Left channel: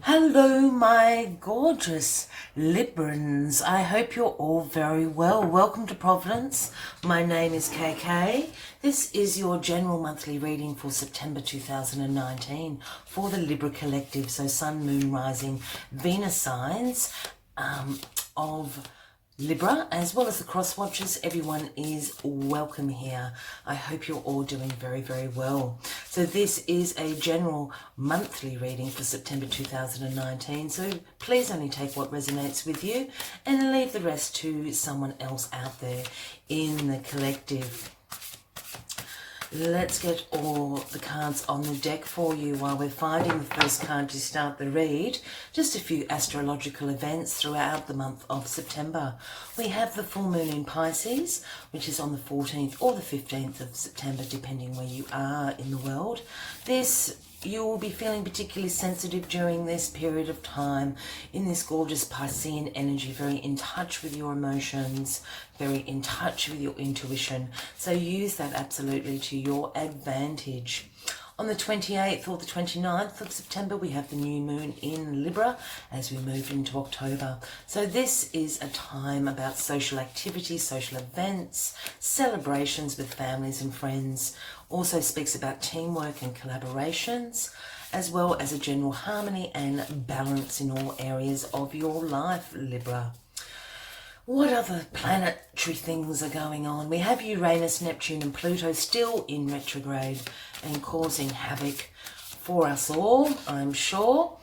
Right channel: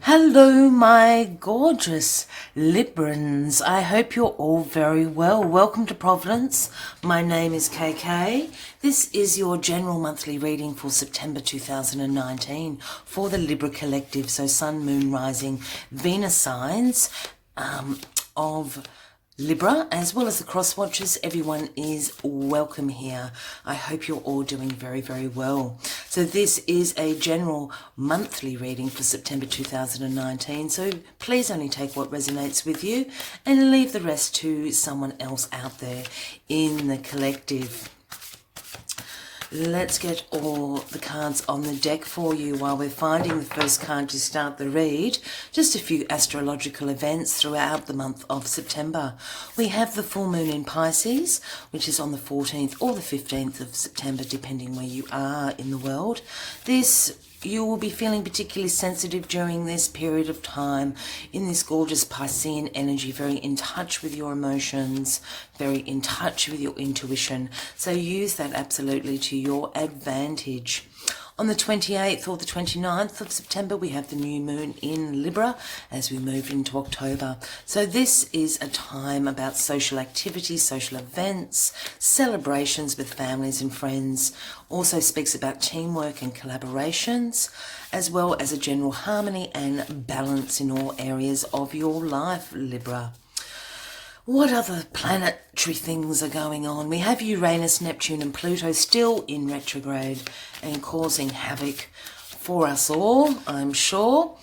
Hello, my gorgeous Librans. I hope you're all very well. Welcome to Providence. My name is KK. This is your general monthly reading for September 2019 for the Libra Collective. So Sun, Moon, Rising, Venus signs of Libra, as well as the cross watchers. Everyone is welcome here. I hope you're all doing very, very well. So this is a general monthly reading for September 2019. So please only take what resonates with you and leave the rest to someone else out there in the collective. Let's get all the cards on the deck for you while we're finding the first card to start the read. Just a few astrological events throughout the month of September. We have the full moon in Pisces, which is on the 14th or the 15th of September, depending where you are in the world. You will be feeling particularly sensitive during this period of time in this gorgeous Piscean energy, very in touch with your emotions, very in touch with your intuition. So use that absolutely to your advantage. On the 28th or the 29th of September, we have the new moon in Libra as we move into October. So this is a time about social activities, social events, celebrations with families and friends. Also speaks about teamwork and collaborations, as well as a general harmony and balance in all areas of your life, Libra. What other planetary things are going on? We have Uranus, Neptune and Pluto still in retrograde and causing havoc for us all, I'm sure.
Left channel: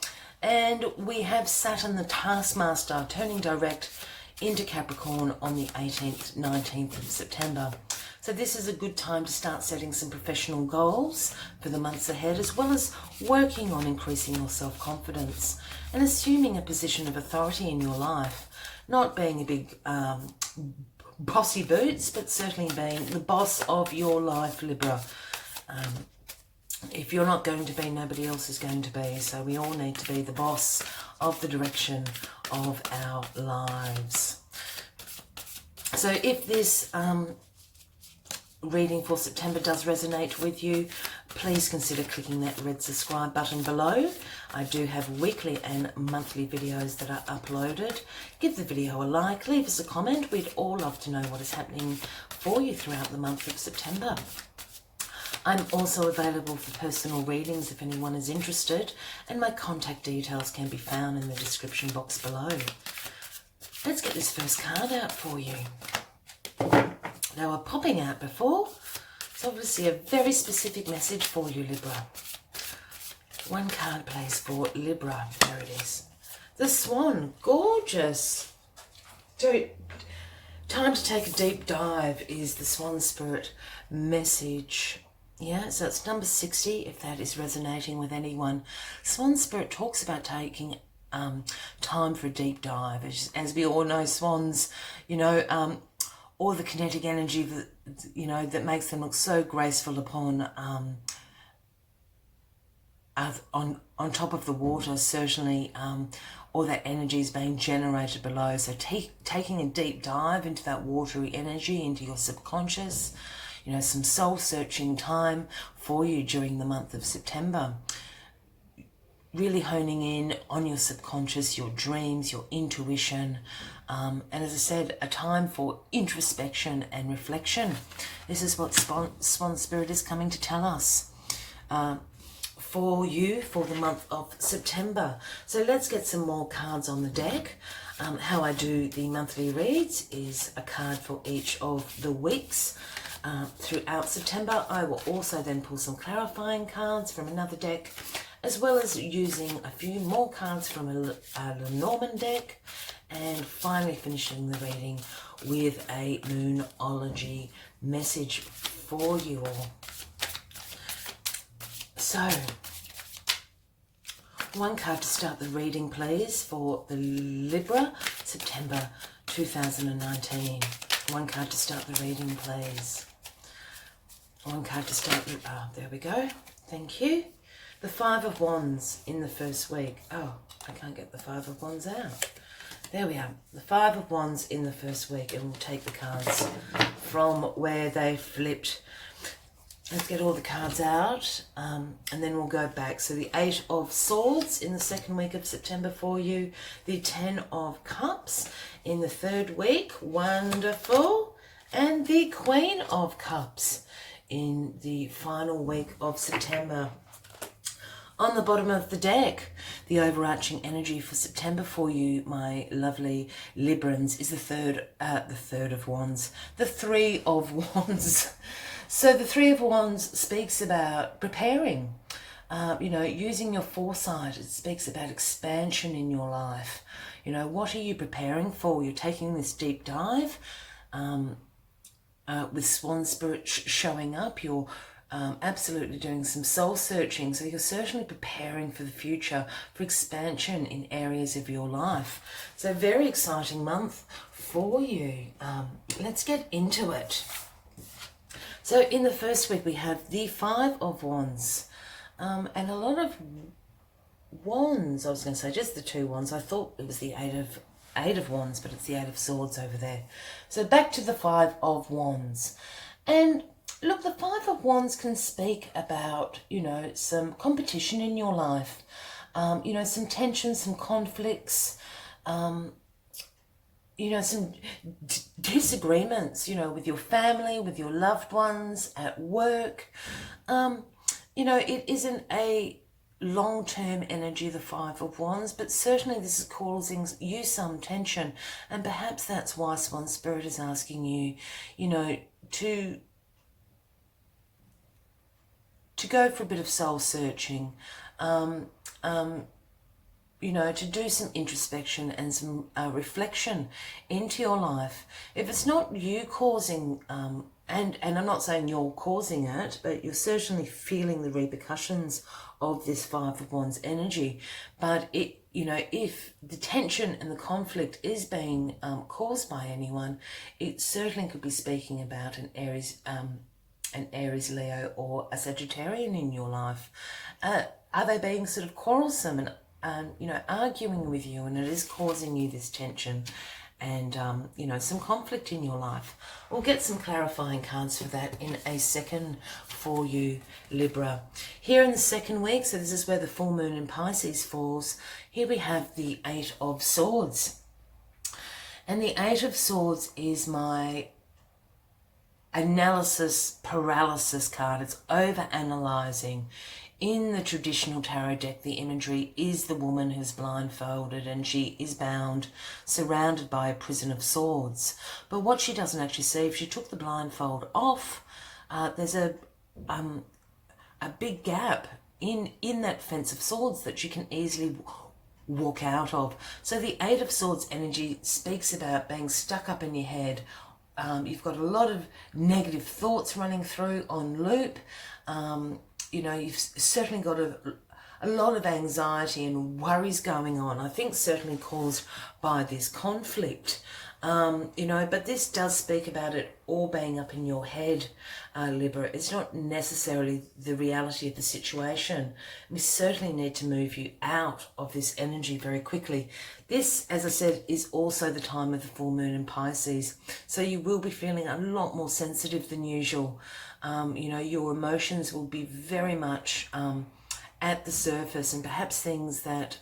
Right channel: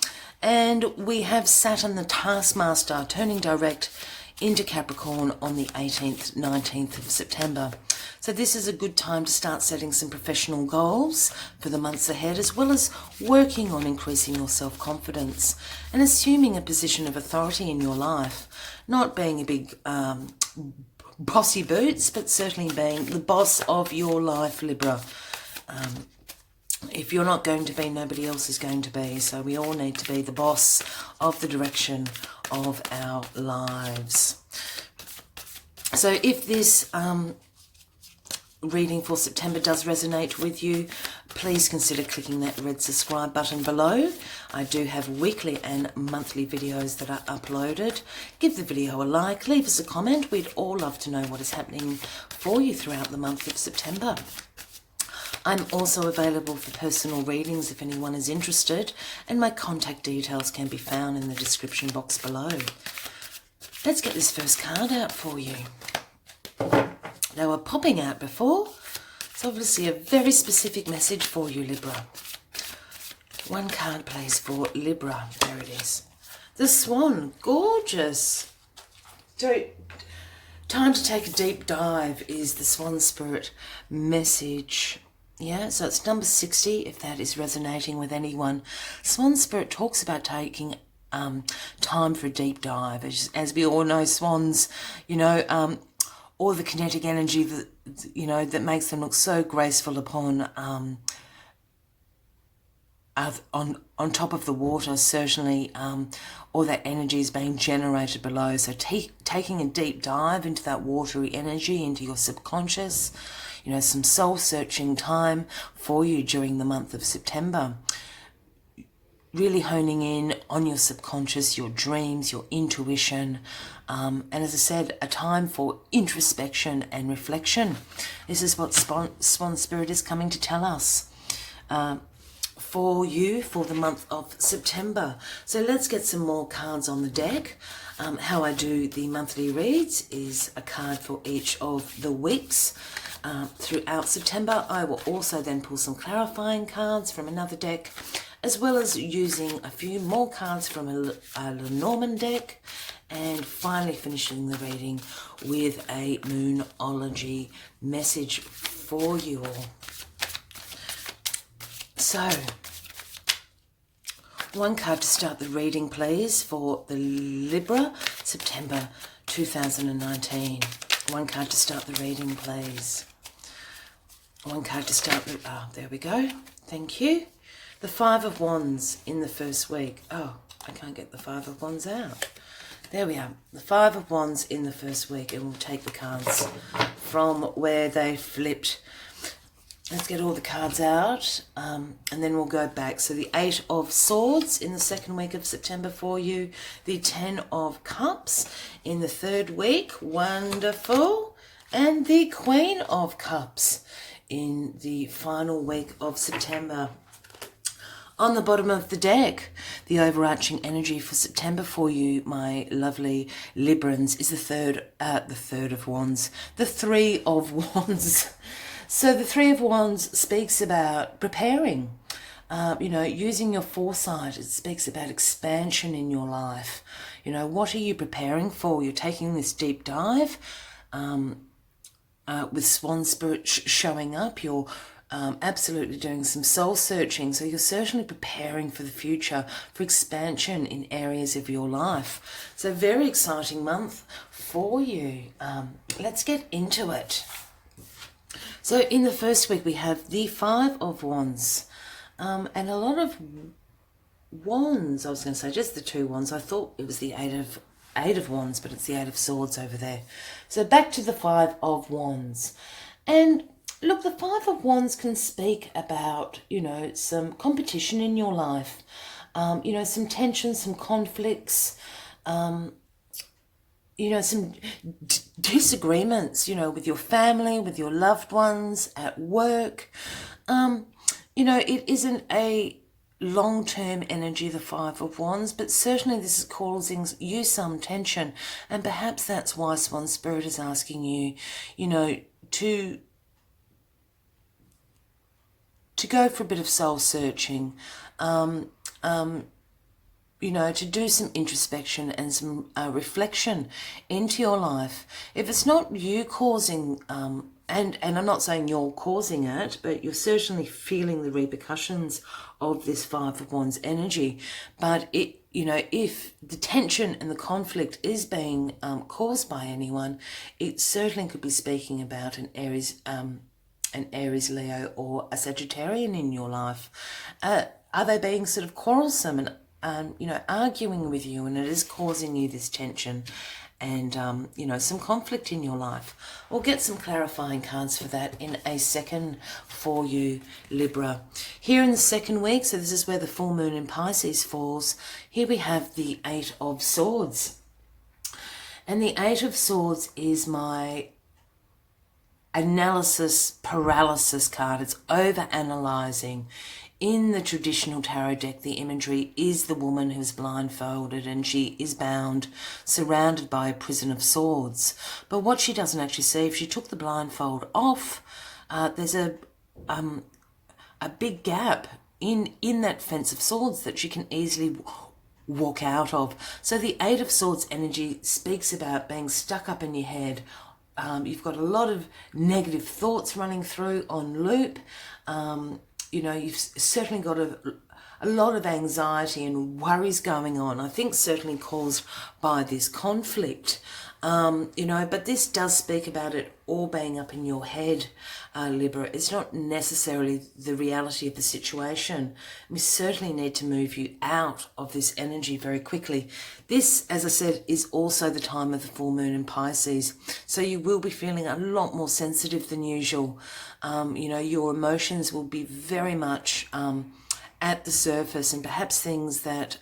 And we have Saturn, the taskmaster, turning direct into Capricorn on the 18th, 19th of September. So this is a good time to start setting some professional goals for the months ahead, as well as working on increasing your self-confidence and assuming a position of authority in your life. Not being a big bossy boots, but certainly being the boss of your life, Libra. If you're not going to be, nobody else is going to be. So we all need to be the boss of the direction of our lives. So if this reading for September does resonate with you, please consider clicking that red subscribe button below. I do have weekly and monthly videos that are uploaded. Give the video a like, leave us a comment. We'd all love to know what is happening for you throughout the month of September. I'm also available for personal readings if anyone is interested, and my contact details can be found in the description box below. Let's get this first card out for you. They were popping out before. It's obviously a very specific message for you, Libra. One card, please, for Libra. There it is. The Swan. Gorgeous. So, time to take a deep dive is the Swan Spirit message. Yeah, so it's number 60, if that is resonating with anyone. Swan Spirit talks about taking time for a deep dive. As we all know, swans, all the kinetic energy that that makes them look so graceful upon on top of the water. Certainly all that energy is being generated below. So taking a deep dive into that watery energy, into your subconscious, some soul searching time for you during the month of September. Really honing in on your subconscious, your dreams, your intuition, and as I said, a time for introspection and reflection. This is what Swan Spirit is coming to tell us for you for the month of September. So let's get some more cards on the deck. How I do the monthly reads is a card for each of the weeks throughout September. I will also then pull some clarifying cards from another deck, as well as using a few more cards from a Lenormand deck, and finally finishing the reading with a Moonology message for you all. So, one card to start the reading, please, for the Libra, September 2019. One card to start the reading, please. One card to start the... there we go. Thank you. The Five of Wands in the first week. Oh, I can't get the Five of Wands out. There we are. The Five of Wands in the first week, and we'll take the cards from where they flipped. Let's get all the cards out, and then we'll go back. So the 8 of Swords in the second week of September for you. The 10 of Cups in the third week. Wonderful. And the Queen of Cups in the final week of September. On the bottom of the deck, the overarching energy for September for you, my lovely Librans, is the third of Wands. The 3 of Wands. So the 3 of Wands speaks about preparing, using your foresight. It speaks about expansion in your life. What are you preparing for? You're taking this deep dive with Swan Spirit showing up. You're absolutely doing some soul searching. So you're certainly preparing for the future, for expansion in areas of your life. So very exciting month for you. Let's get into it. So in the first week, we have the 5 of Wands, and a lot of wands. I was going to say just the 2 wands. I thought it was the 8 of Wands, but it's the 8 of Swords over there. So back to the 5 of Wands. And look, the 5 of Wands can speak about, some competition in your life, some tensions, some conflicts, some disagreements, with your family, with your loved ones, at work. It isn't a long-term energy, the 5 of Wands, but certainly this is causing you some tension. And perhaps that's why Swan Spirit is asking you, to go for a bit of soul searching, to do some introspection and some reflection into your life. If it's not you causing, and I'm not saying you're causing it, but you're certainly feeling the repercussions of this 5 of Wands energy. But if the tension and the conflict is being caused by anyone, it certainly could be speaking about an Aries, Leo, or a Sagittarian in your life. Are they being sort of quarrelsome and arguing with you, and it is causing you this tension and some conflict in your life? We'll get some clarifying cards for that in a second for you, Libra. Here in the second week, so this is where the full moon in Pisces falls, here we have the 8 of Swords. And the 8 of Swords is my analysis paralysis card. It's over-analyzing. In the traditional tarot deck, the imagery is the woman who's blindfolded and she is bound, surrounded by a prison of swords. But what she doesn't actually see, if she took the blindfold off, there's a big gap in that fence of swords that she can easily walk out of. So the 8 of Swords energy speaks about being stuck up in your head. You've got a lot of negative thoughts running through on loop. You've certainly got a lot of anxiety and worries going on. I think certainly caused by this conflict. But this does speak about it all being up in your head, Libra. It's not necessarily the reality of the situation. We certainly need to move you out of this energy very quickly. This, as I said, is also the time of the full moon in Pisces. So you will be feeling a lot more sensitive than usual. Your emotions will be very much at the surface, and perhaps things that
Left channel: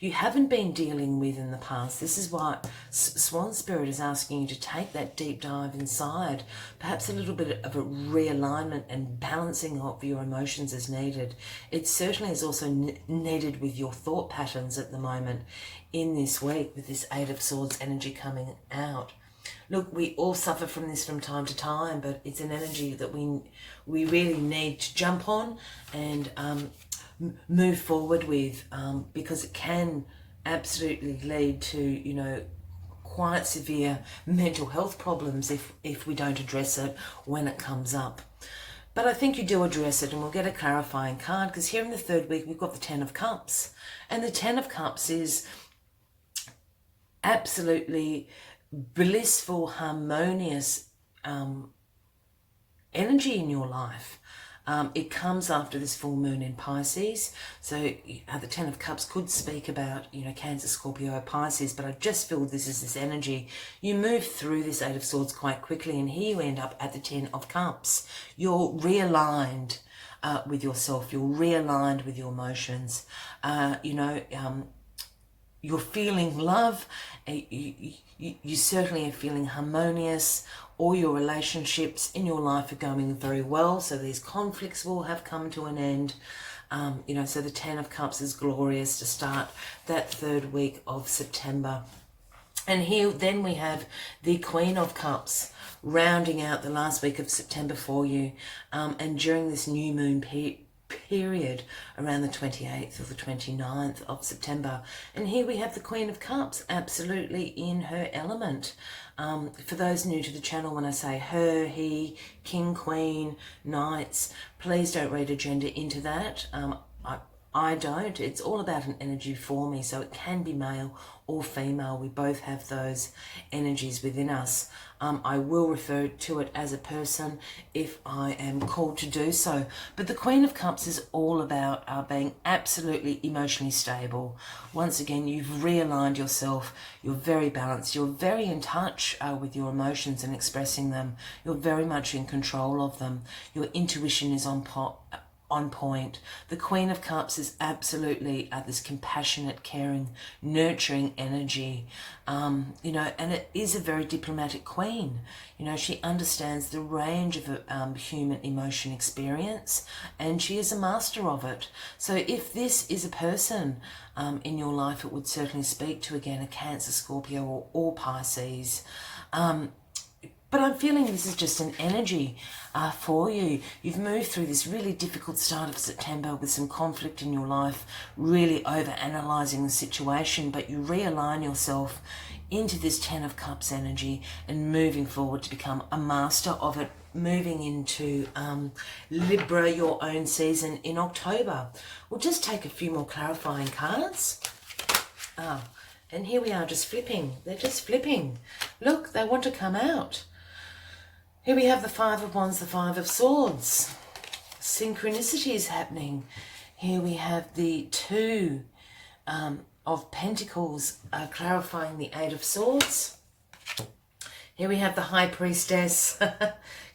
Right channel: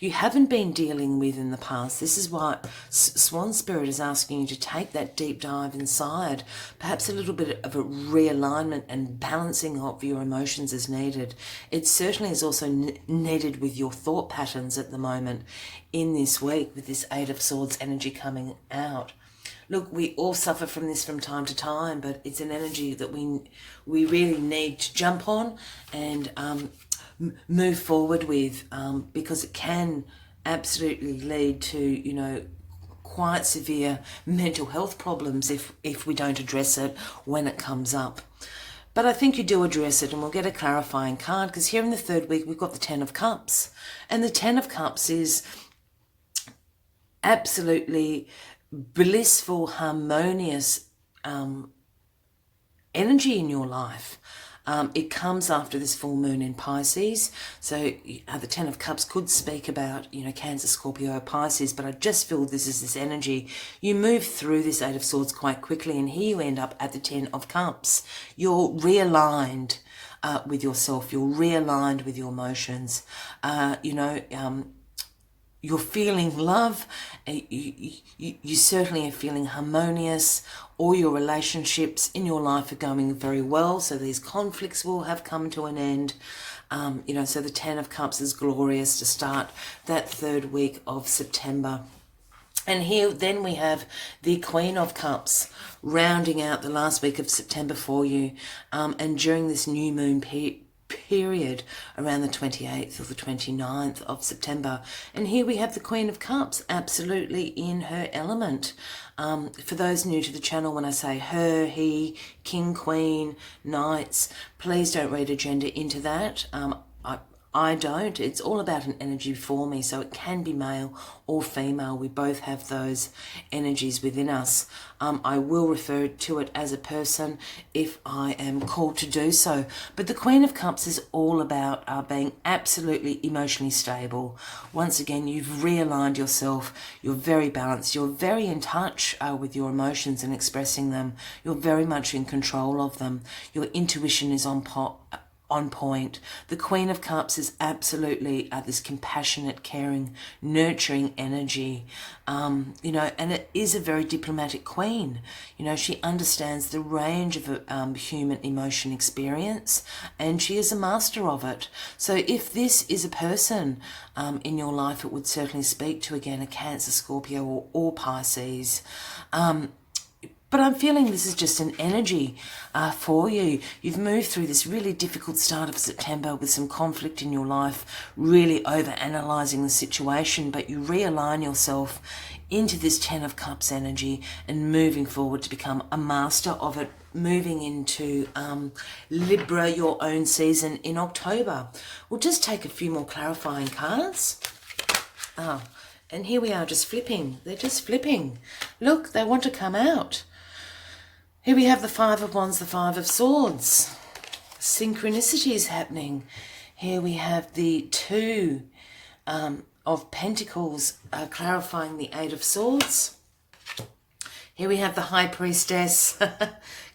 you haven't been dealing with in the past. This is why Swan Spirit is asking you to take that deep dive inside. Perhaps a little bit of a realignment and balancing of your emotions is needed. It certainly is also needed with your thought patterns at the moment in this week, with this 8 of Swords energy coming out. Look, we all suffer from this from time to time, but it's an energy that we really need to jump on and move forward with, because it can absolutely lead to, quite severe mental health problems if we don't address it when it comes up. But I think you do address it, and we'll get a clarifying card, because here in the third week, we've got the 10 of Cups. And the 10 of Cups is absolutely blissful, harmonious energy in your life. It comes after this full moon in Pisces. So the Ten of Cups could speak about, Cancer, Scorpio, Pisces, but I just feel this is this energy. You move through this Eight of Swords quite quickly, and here you end up at the Ten of Cups. You're realigned with yourself. You're realigned with your emotions. You're feeling love. You certainly are feeling harmonious. All your relationships in your life are going very well. So these conflicts will have come to an end. So the Ten of Cups is glorious to start that third week of September. And here then we have the Queen of Cups rounding out the last week of September for you. And during this new moon period around the 28th or the 29th of September. And here we have the Queen of Cups absolutely in her element. For those new to the channel, when I say her, he, king, queen, knights, please don't read a gender into that. I don't. It's all about an energy for me, so it can be male or female. We both have those energies within us. I will refer to it as a person if I am called to do so. But the Queen of Cups is all about being absolutely emotionally stable. Once again, you've realigned yourself. You're very balanced. You're very in touch with your emotions and expressing them. You're very much in control of them. Your intuition is on point. The Queen of Cups is absolutely this compassionate, caring, nurturing energy, and it is a very diplomatic queen. She understands the range of human emotion experience, and she is a master of it. So if this is a person in your life, it would certainly speak to, again, a Cancer, Scorpio, or Pisces. But I'm feeling this is just an energy for you. You've moved through this really difficult start of September with some conflict in your life, really over-analysing the situation, but you realign yourself into this Ten of Cups energy and moving forward to become a master of it, moving into Libra, your own season, in October. We'll just take a few more clarifying cards. And here we are just flipping. They're just flipping. Look, they want to come out. Here we have the Five of Wands, the Five of Swords. Synchronicity is happening. Here we have the Two of Pentacles clarifying the Eight of Swords. Here we have the High Priestess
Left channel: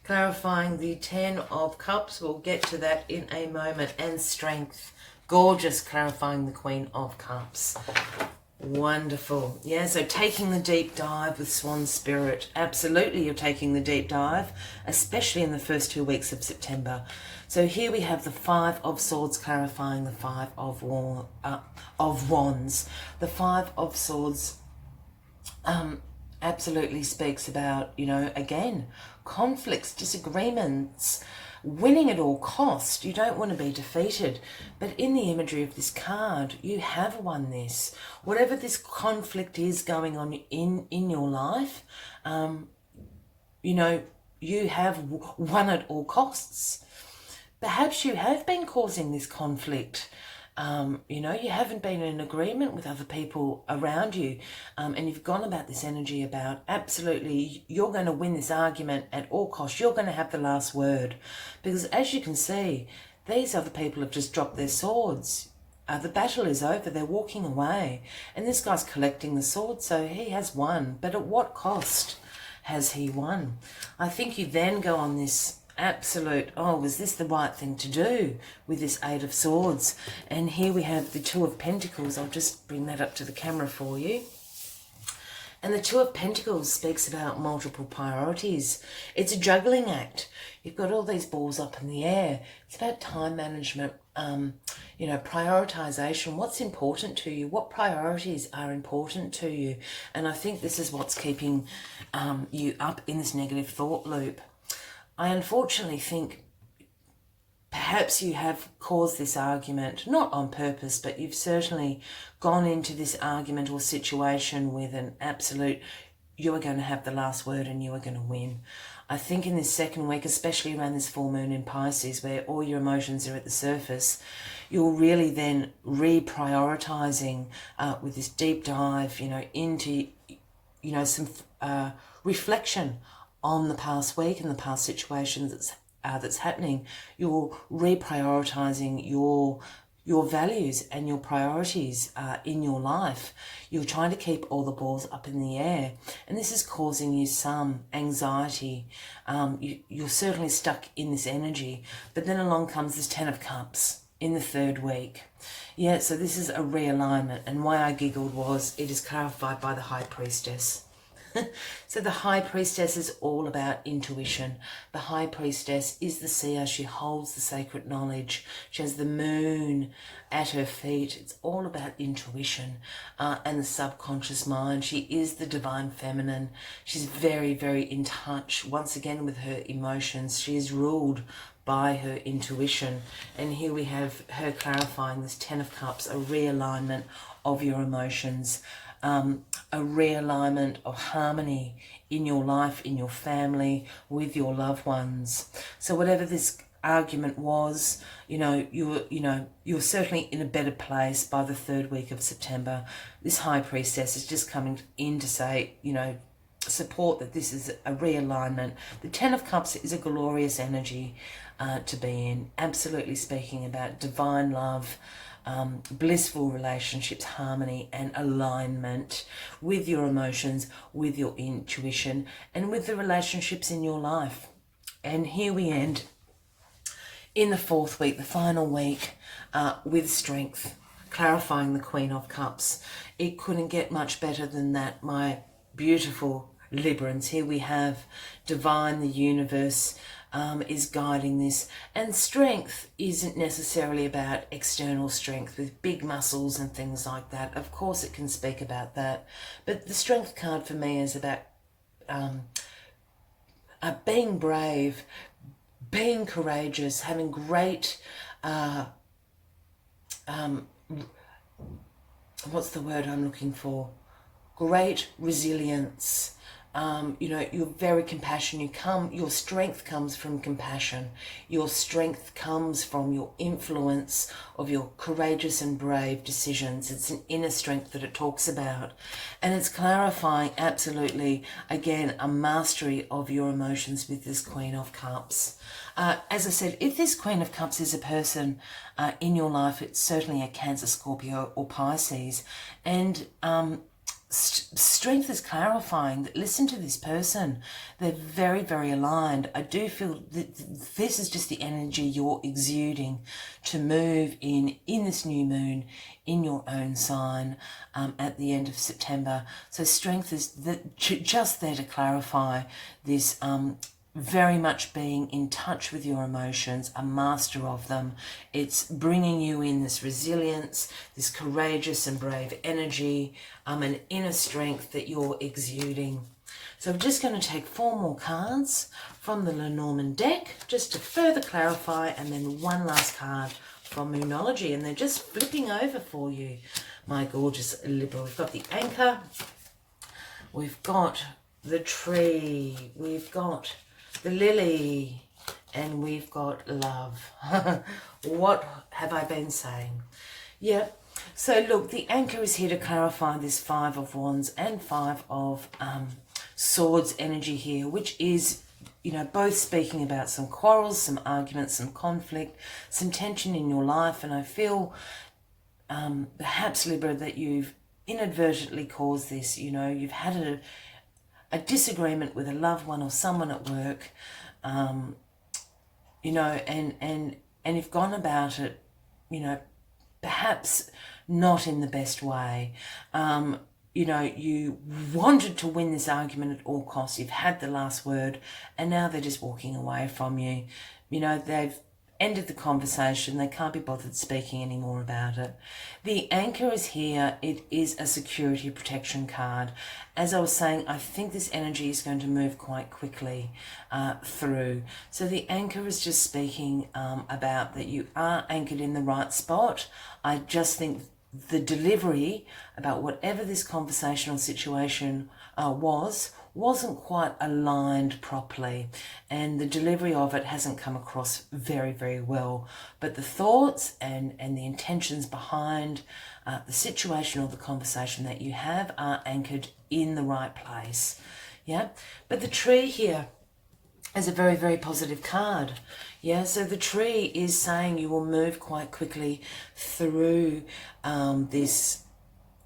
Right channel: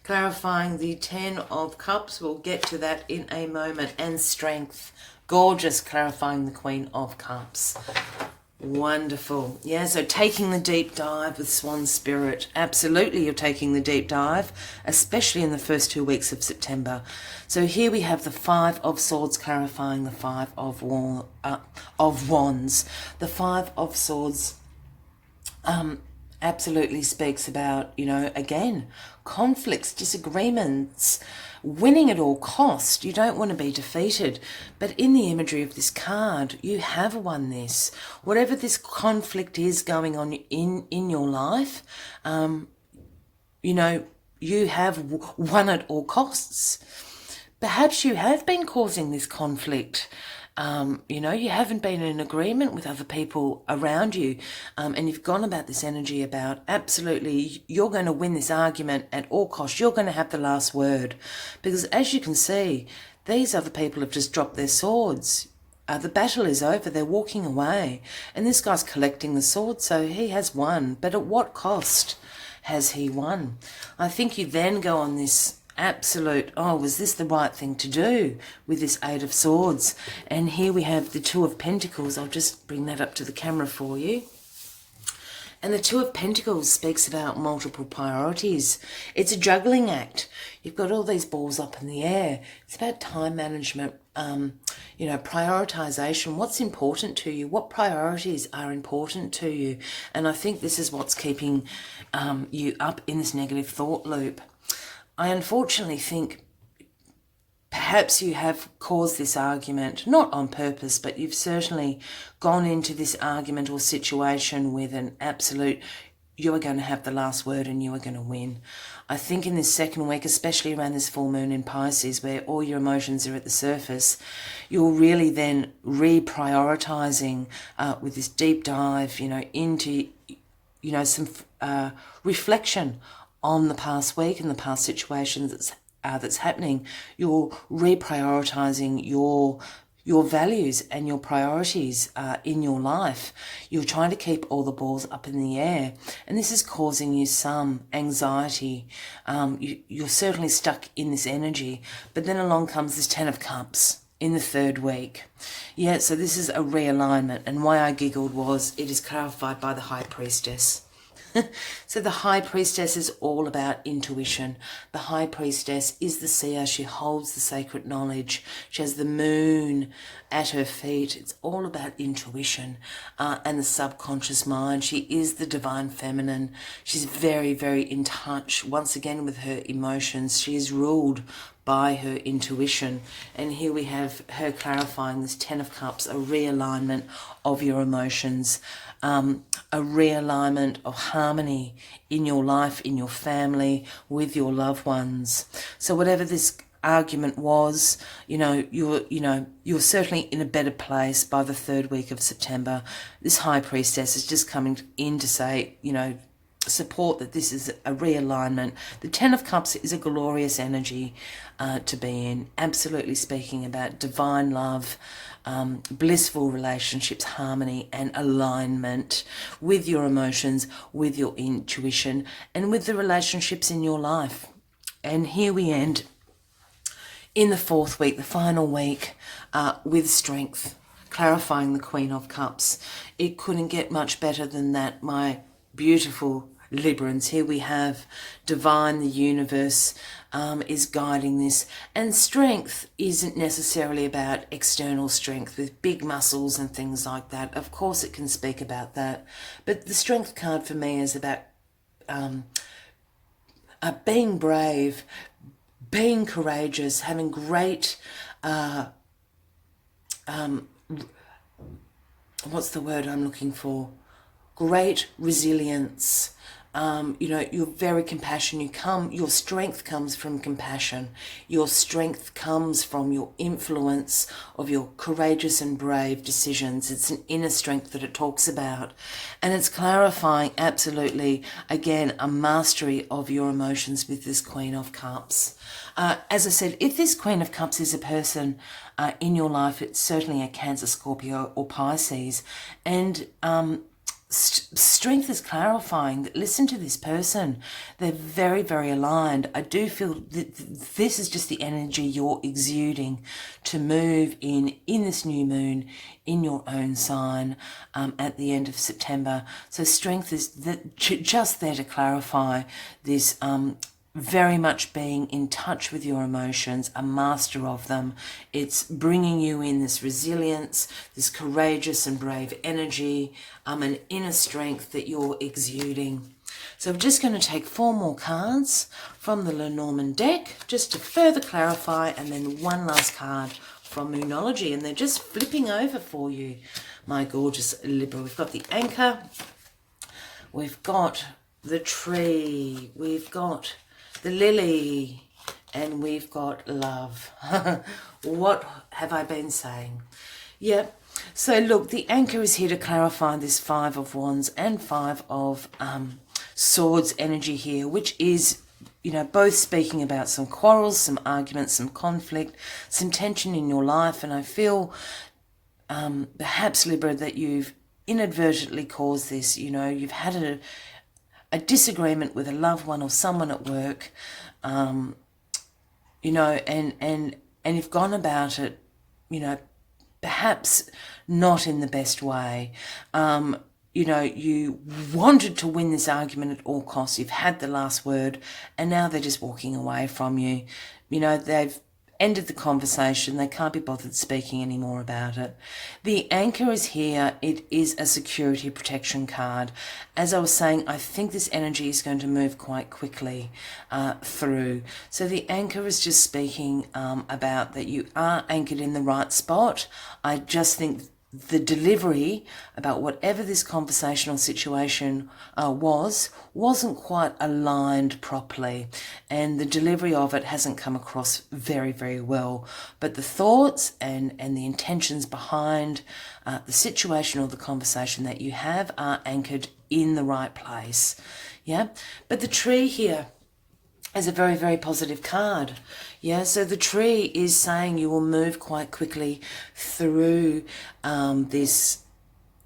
clarifying the Ten of Cups. We'll get to that in a moment. And Strength. Gorgeous, clarifying the Queen of Cups. Wonderful. Yeah, so taking the deep dive with Swan Spirit. Absolutely, you're taking the deep dive, especially in the first 2 weeks of September. So here we have the Five of Swords clarifying the Five of Wands. The Five of Swords absolutely speaks about, again, conflicts, disagreements, winning at all cost. You don't want to be defeated. But in the imagery of this card, you have won this. Whatever this conflict is going on in your life, you have won at all costs. Perhaps you have been causing this conflict. You haven't been in agreement with other people around you, and you've gone about this energy about absolutely you're going to win this argument at all costs. You're going to have the last word, because as you can see, these other people have just dropped their swords. The battle is over. They're walking away, and this guy's collecting the swords, so he has won. But at what cost has he won? I think you then go on this absolute, was this the right thing to do with this Eight of Swords? And here we have the Two of Pentacles. I'll just bring that up to the camera for you. And the Two of Pentacles speaks about multiple priorities. It's a juggling act. You've got all these balls up in the air. It's about time management, prioritization. What's important to you? What priorities are important to you? And I think this is what's keeping you up in this negative thought loop. I unfortunately think perhaps you have caused this argument, not on purpose, but you've certainly gone into this argument or situation with an absolute, you are going to have the last word and you are going to win. I think in this second week, especially around this full moon in Pisces, where all your emotions are at the surface, you're really then reprioritizing with this deep dive, into, some reflection on the past week and the past situations that's that's happening. You're reprioritizing your values and your priorities in your life. You're trying to keep all the balls up in the air, and this is causing you some anxiety. You're certainly stuck in this energy, but then along comes this Ten of Cups in the third week. Yeah, so this is a realignment, and why I giggled was it is clarified by the High Priestess. So the High Priestess is all about intuition. The High Priestess is the seer. She holds the sacred knowledge. She has the moon at her feet. It's all about intuition and the subconscious mind. She is the divine feminine. She's very, very in touch, once again, with her emotions. She is ruled by her intuition. And here we have her clarifying this Ten of Cups, a realignment of your emotions, a realignment of harmony in your life, in your family, with your loved ones. So whatever this argument was, you're certainly in a better place by the third week of September. This High Priestess is just coming in to say, support that this is a realignment. The Ten of Cups is a glorious energy to be in, absolutely speaking about divine love, blissful relationships, harmony and alignment with your emotions, with your intuition, and with the relationships in your life. And here we end in the fourth week, the final week, with strength, clarifying the Queen of Cups. It couldn't get much better than that, my beautiful Librans. Here we have divine, the universe is guiding this, and strength isn't necessarily about external strength with big muscles and things like that. Of course it can speak about that, but the strength card for me is about being brave, being courageous, having great what's the word I'm looking for? Great resilience. You're very compassionate. Your strength comes from compassion. Your strength comes from your influence of your courageous and brave decisions. It's an inner strength that it talks about. And it's clarifying absolutely, again, a mastery of your emotions with this Queen of Cups. As I said, if this Queen of Cups is a person in your life, it's certainly a Cancer, Scorpio or Pisces. And strength is clarifying that, listen to this person, they're very, very aligned. I do feel that this is just the energy you're exuding to move in this new moon in your own sign at the end of September. So strength is just there to clarify this very much being in touch with your emotions, a master of them. It's bringing you in this resilience, this courageous and brave energy, an inner strength that you're exuding. So I'm just going to take 4 more cards from the Lenormand deck just to further clarify, and then one last card from Moonology, and they're just flipping over for you, my gorgeous Libra. We've got the Anchor, we've got the Tree, we've got the Lily, and we've got Love. What have I been saying? Yeah, so look, the Anchor is here to clarify this 5 of Wands and 5 of Swords energy here, which is, both speaking about some quarrels, some arguments, some conflict, some tension in your life. And I feel perhaps, Libra, that you've inadvertently caused this. You've had a disagreement with a loved one or someone at work, and you've gone about it, perhaps not in the best way. You wanted to win this argument at all costs. You've had the last word, and now they're just walking away from you. They've ended the conversation. They can't be bothered speaking anymore about it. The Anchor is here. It is a security protection card. As I was saying, I think this energy is going to move quite quickly through. So the Anchor is just speaking about that you are anchored in the right spot. I just think the delivery about whatever this conversational situation wasn't quite aligned properly, and the delivery of it hasn't come across very, very well. But the thoughts and the intentions behind the situation or the conversation that you have are anchored in the right place. Yeah, but the Tree here, is a very, very positive card. Yeah, so the tree is saying you will move quite quickly through this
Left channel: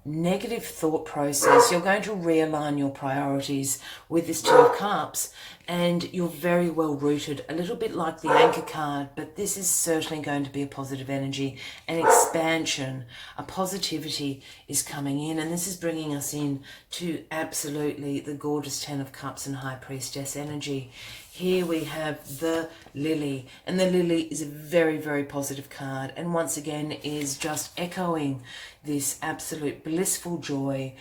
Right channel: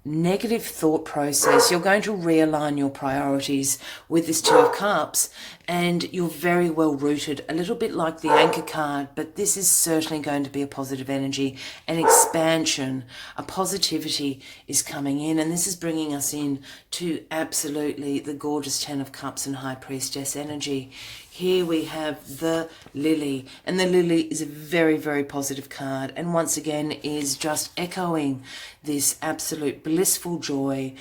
negative thought process. You're going to realign your priorities with this Two of Cups, and you're very well rooted, a little bit like the Anchor card, but this is certainly going to be a positive energy, an expansion, a positivity is coming in, and this is bringing us in to absolutely the gorgeous Ten of Cups and High Priestess energy. Here we have the Lily, and the Lily is a very, very positive card, and once again is just echoing this absolute blissful joy,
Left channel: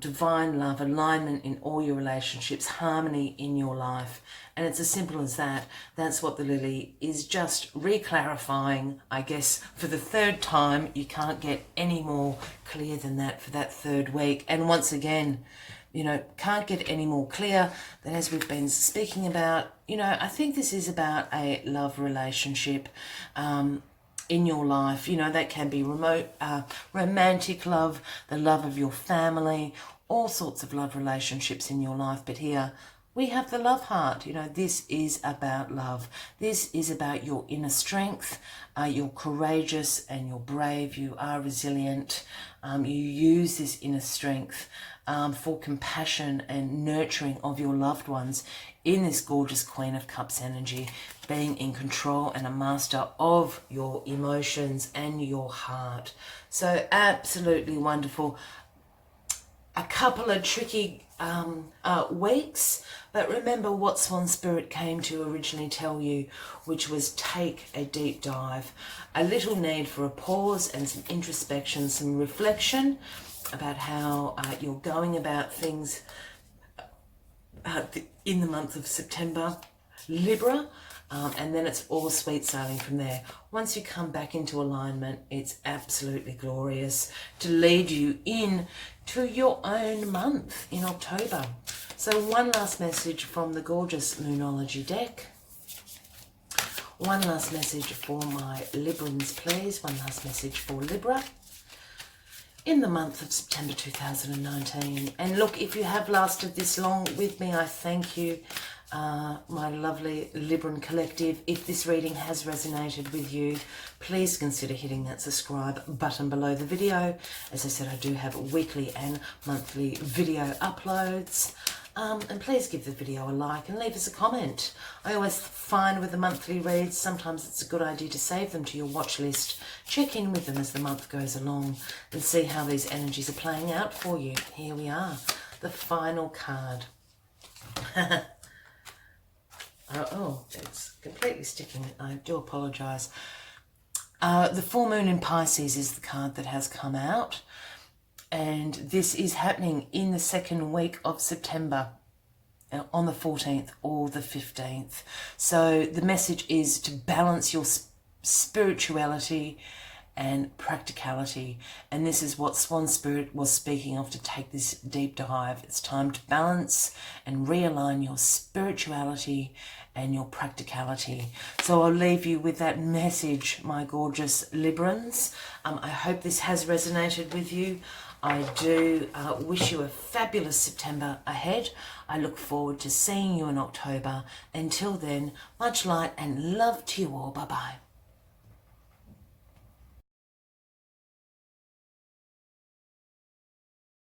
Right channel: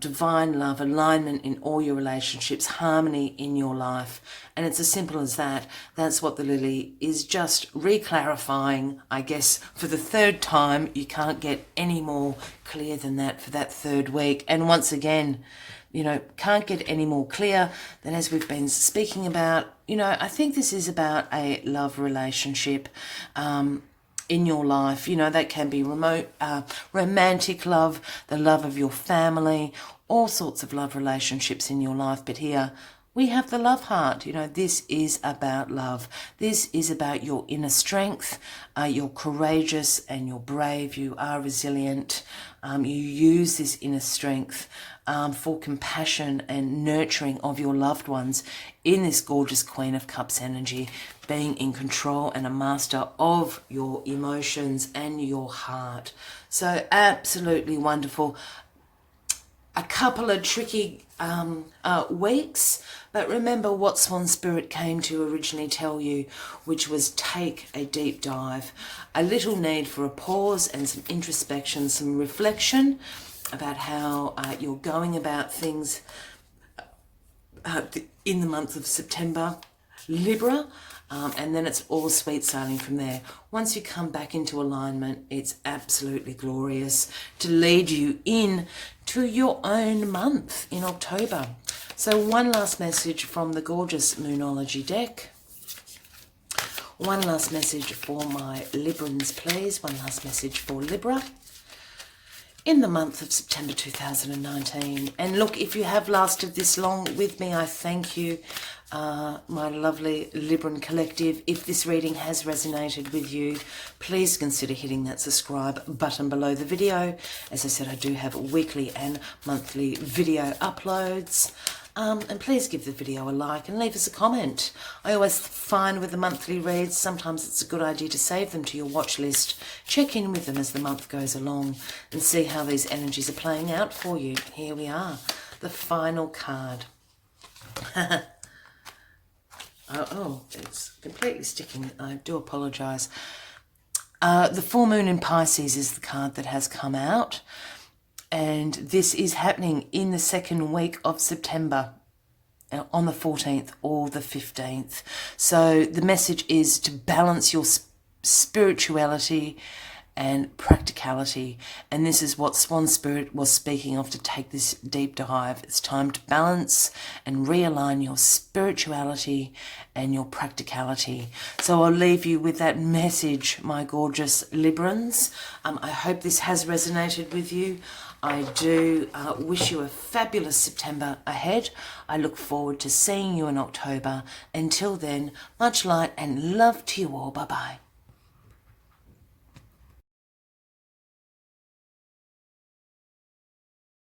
divine love, alignment in all your relationships, harmony in your life. And it's as simple as that. That's what the Lily is, just re-clarifying, I guess, for the third time. You can't get any more clear than that for that third week. And once again, you know, can't get any more clear than as we've been speaking about. You know, I think this is about a love relationship in your life. You know, that can be remote, romantic love, the love of your family, all sorts of love relationships in your life. But here we have the love heart. You know, this is about love. This is about your inner strength. You're courageous and you're brave. You are resilient. You use this inner strength for compassion and nurturing of your loved ones in this gorgeous Queen of Cups energy, being in control and a master of your emotions and your heart. So absolutely wonderful. A couple of tricky weeks, but remember what Swan Spirit came to originally tell you, which was take a deep dive. A little need for a pause and some introspection, some reflection about how you're going about things in the month of September, Libra, and then it's all sweet sailing from there. Once you come back into alignment, it's absolutely glorious to lead you in to your own month in October. So one last message from the gorgeous Moonology deck. One last message for my Librans, please. One last message for Libra in the month of September 2019. And look, if you have lasted this long with me, I thank you, my lovely Libran collective. If this reading has resonated with you, please consider hitting that subscribe button below the video. As I said, I do have weekly and monthly video uploads. And please give the video a like and leave us a comment. I always find with the monthly reads, sometimes it's a good idea to save them to your watch list. Check in with them as the month goes along and see how these energies are playing out for you. Here we are, the final card. Oh, it's completely sticking. I do apologise. The full moon in Pisces is the card that has come out. And this is happening in the second week of September, on the 14th or the 15th. So the message is to balance your spirituality and practicality. And this is what Swan Spirit was speaking of, to take this deep dive. It's time to balance and realign your spirituality and your practicality. So I'll leave you with that message, my gorgeous Librans. I hope this has resonated with you. I do wish you a fabulous September ahead. I look forward to seeing you in October. Until then, much light and love to you all. Bye-bye.